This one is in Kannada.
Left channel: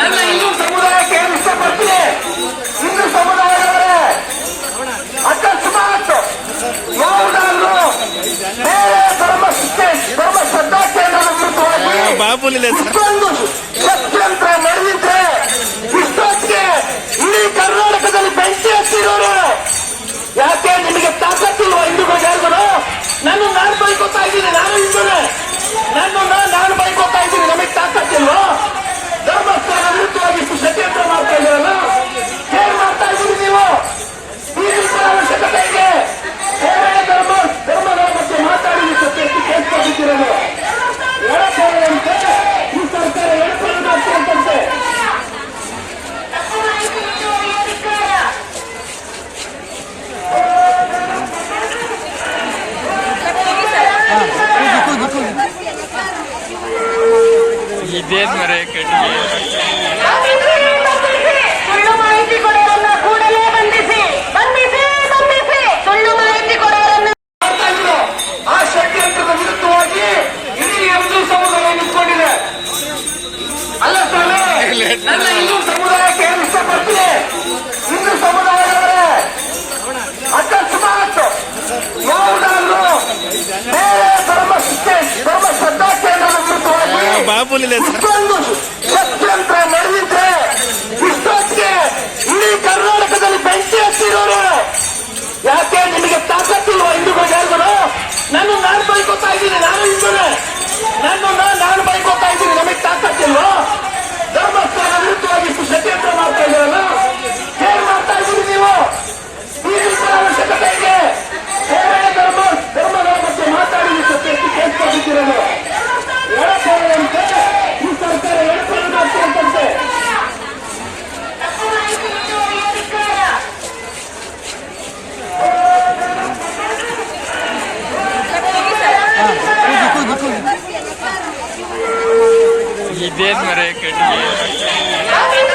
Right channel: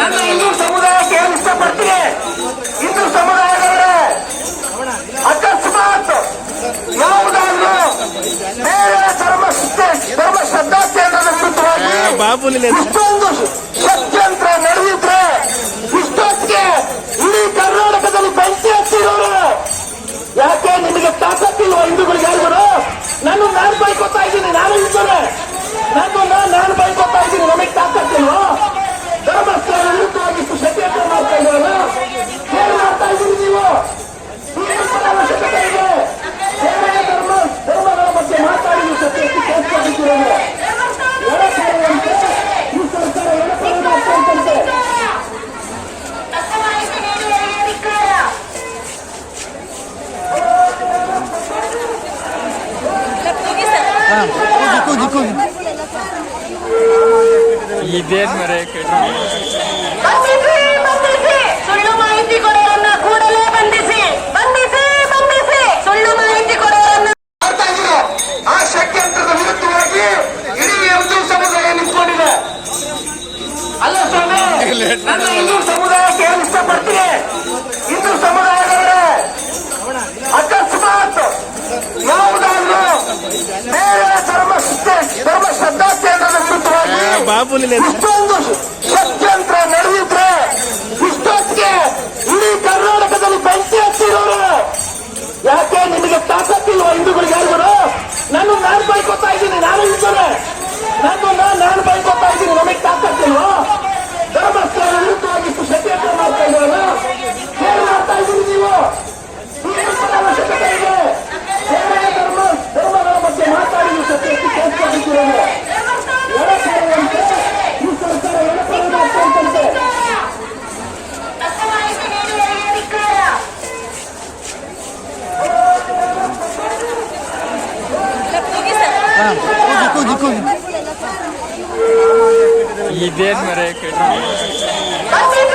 ನನ್ನ ಹಿಂದೂ ಸಮುದಾಯಕ್ಕೆ ಏನು ಇಷ್ಟಪಡ್ತೀನಿ, ಹಿಂದೂ ಸಮುದಾಯದವರೇ ಅಕಸ್ಮಾತ್ ಯಾವುದಾದ್ರೂ ಬೇರೆ ಧರ್ಮ ಶ್ರದ್ಧಾ ಕೇಂದ್ರದ ವಿರುದ್ಧವಾಗಿ ಇಷ್ಟೊಂದು ಷಡ್ಯಂತ್ರ ನಡೆದಿದ್ರೆ ಇಷ್ಟೊತ್ತಿಗೆ ಇಡೀ ಕರ್ನಾಟಕದಲ್ಲಿ ಬೆಂಕಿ ಹಚ್ಚಿರೋರು. ಯಾಕೆ ನಿಮಗೆ ತಾಕತ್ತಿಲ್ವ ಹಿಂದೂಗಳಿಗೆ ಹೇಳಿದ್ರು? ನಾನು ಬೈಕೋತಾ ಇದ್ದೀನಿ, ನಾನು ಹಿಂದೂನೇ, ನಾನು ಬೈಕೋತಾ ಇದ್ದೀನಿ, ನಮಗೆ ತಾಕತ್ತಿಲ್ವ? ಧರ್ಮಸ್ಥಳ ವಿರುದ್ಧವಾಗಿ ಷಡ್ಯಂತ್ರ ಮಾಡ್ತಾ ಇದ್ದೀರಲ್ಲ, ಏನು ಮಾಡ್ತಾ ಇದ್ದೀರಿ ನೀವು? ಅವಶ್ಯಕತೆ ಇದೆ. ಧರ್ಮಗಳ ಬಗ್ಗೆ ಮಾತಾಡಿ ಕೇಳ್ಕೊಂಡಿದ್ದೀರಲ್ಲ, ಈ ಸರ್ಕಾರ ಎಡಪಡೋದು ಆಗ್ತಂತೆ. ಇದೇನ್ ಮರೆ ಕಣ್ಣಿಗೆ ಸುಳ್ಳು ಮಾಹಿತಿ ಕೊಡೋರನ್ನ ಕೂಡಲೇ ಬಂಧಿಸಿ, ಸುಳ್ಳು ಮಾಹಿತಿ ಕೊಡೋರನ್ನ ಮಾಡ್ತಾ ಇದ್ರು. ಆ ಷಡ್ಯಂತ್ರದ ವಿರುದ್ಧವಾಗಿ ಇಡೀ ಹಿಂದೂ ಸಮುದಾಯ ನಿಂತ್ಕೊಂಡಿದೆ. ಅಲ್ಲ ಸ್ವಾಮಿ, ನನ್ನ ಹಿಂದೂ ಸಮುದಾಯಕ್ಕೆ ಏನು ಇಷ್ಟಪಡ್ತೀನಿ, ಹಿಂದೂ ಸಮುದಾಯದವರೇ ಅಕಸ್ಮಾತ್ ಯಾವುದಾದ್ರೂ ಬೇರೆ ಧರ್ಮ ಶ್ರದ್ಧಾ ಕೇಂದ್ರದ ವಿರುದ್ಧವಾಗಿ ಇಷ್ಟೊಂದು ಷಡ್ಯಂತ್ರ ನಡೆದಿದ್ರೆ ಇಷ್ಟೊತ್ತಿಗೆ ಇಡೀ ಕರ್ನಾಟಕದಲ್ಲಿ ಬೆಂಕಿ ಹಚ್ಚಿರೋರು. ಯಾಕೆ ನಿಮಗೆ ತಾಕತ್ತಿಲ್ವ ಹಿಂದೂಗಳಿಗೆ ಹೇಳಿದ್ರು? ನಾನು ಬೈಕೋತಾ ಇದ್ದೀನಿ, ನಾನು ಹಿಂದೂನೇ, ನಾನು ಬೈಕೋತಾ ಇದ್ದೀನಿ, ನಮಗೆ ತಾಕತ್ತಿಲ್ವ? ಧರ್ಮಸ್ಥಳ ವಿರುದ್ಧವಾಗಿ ಷಡ್ಯಂತ್ರ ಮಾಡ್ತಾ ಇದ್ದೀರಲ್ಲ, ಏನು ಮಾಡ್ತಾ ಇದ್ದೀರಿ ನೀವು? ಅವಶ್ಯಕತೆ ಇದೆ. ಧರ್ಮಗಳ ಬಗ್ಗೆ ಮಾತಾಡಿ ಕೇಳ್ಕೊಂಡಿದ್ದೀರಲ್ಲ, ಈ ಸರ್ಕಾರ ಎಡಪಡೋದು ಆಗ್ತಂತೆ. ಇದೇನ್ ಮರೆ ಕಣ್ಣಿಗೆ